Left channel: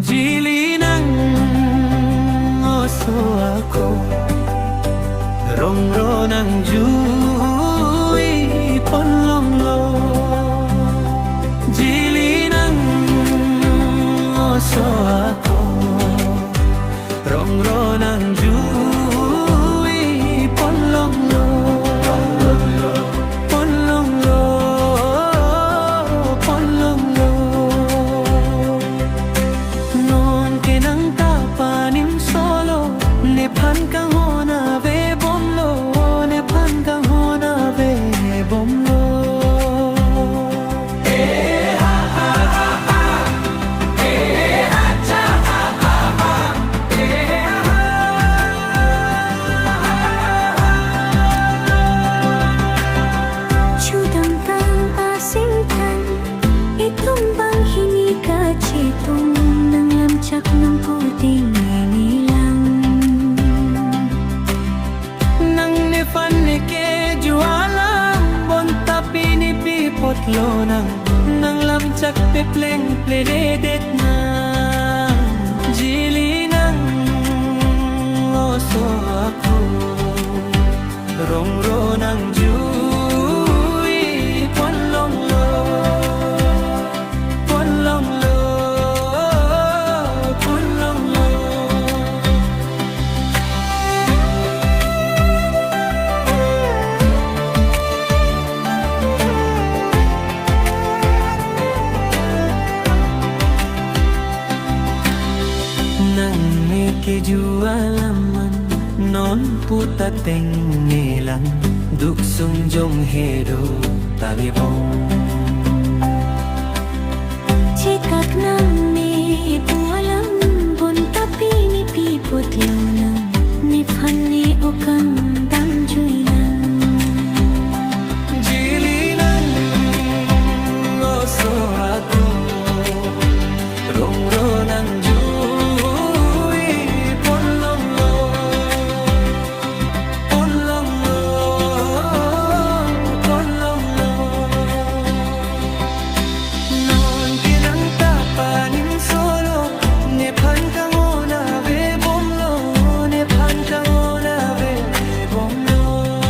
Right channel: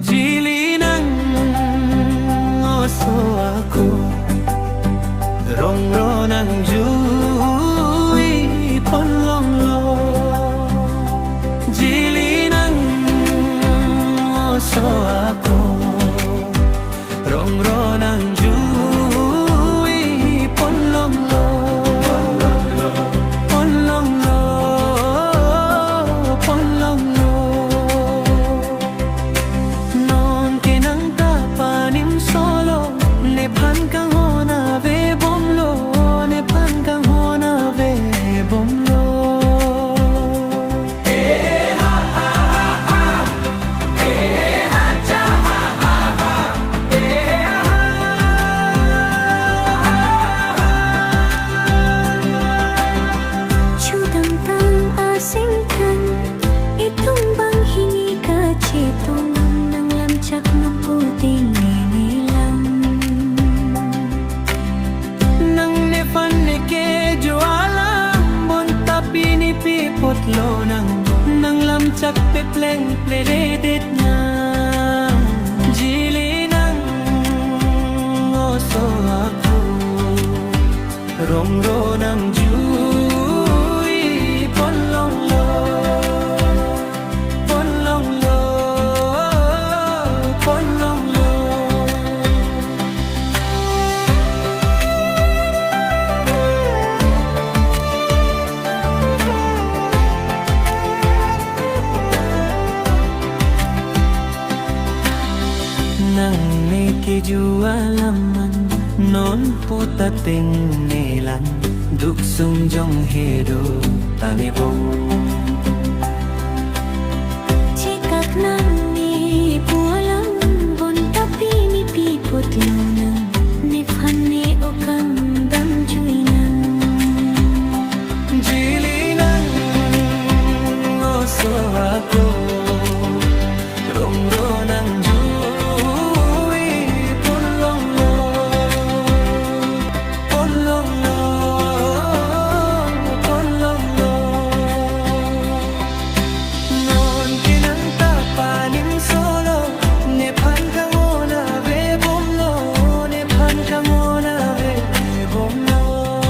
Jili ng oso ako, rongro ng Juwi Ponlonglo. Jili ng oso ako, rongro ng Juwi Ponlonglo. Ponlonglo, Ponlonglo. Kinang tapanim solo ne pan kang hona ve bomlo, ne pan kang hona ve bomlo. Chudang kang asingkan, itong bang hinika cetong ng lamcak ng puting ninilang. Nang nefan ni ke jualam bon tapi ni pipotlo nang lamcak pepleng plededet nang jili nang oso ako, rongro ng Juwi Ponlonglo. Ponlonglo, Ponlonglo. Nang nikijualaman non putating nilang duksong jong hedo tamibong. Cikak nang ni pualam bon tapi ni piputlo nang nifhan ni ukang damjuy nang. Jili ng oso ako, rongro ng Juwi Ponlonglo. Ponlonglo, Ponlonglo. Non kinang tapanim solo ne pan kang hona ve bomlo, ne pan kang hona ve bomlo.